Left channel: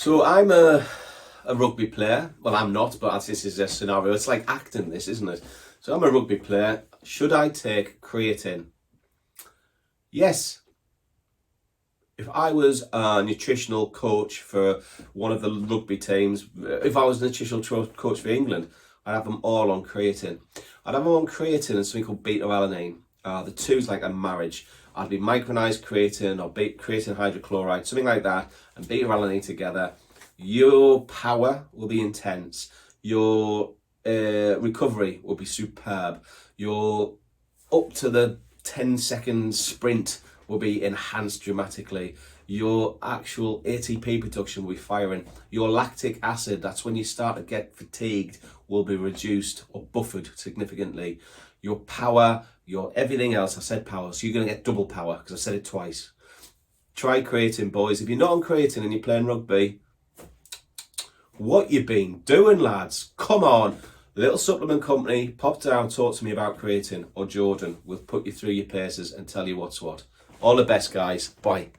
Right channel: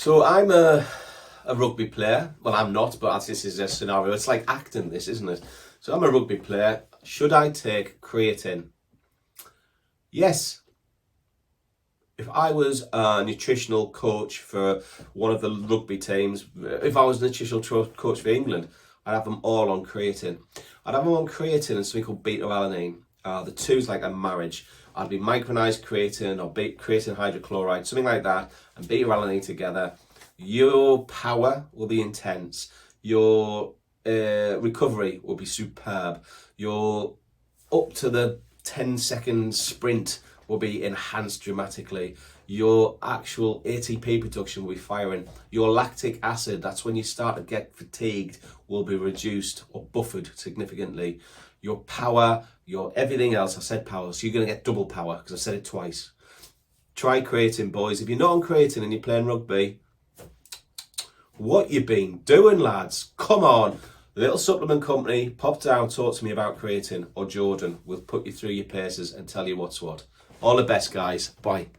So I'm a rugby player. Well, I'm not, but this is a scenario. It's like acting, this, isn't it? So I'm a rugby player. Should I take creatine? Yes. If I was a nutritional coach for one of the rugby teams, if I was a nutritional coach for England, I'd have them all on creatine. I'd have them on creatine and something called Beta-Alanine. The two's like a marriage. I'd be micronized creatine or creatine hydrochloride, something like that, and Beta-Alanine together. Your power will be intense. Your recovery will be superb. Your up to the 10-second sprint will be enhanced dramatically. Your actual ATP production will be firing. Your lactic acid, that's when you start to get fatigued, will be reduced or buffered significantly. Your power, your everything else, I said power, so you're going to get double power because I said it twice. Try creatine, boys. If you're not on creatine and you're playing rugby, what you been doing, lads? Come on. Little supplement company, pop down, talk to me about creatine, or Jordan will put you through your paces and tell you what's what. All the best, guys. Bye.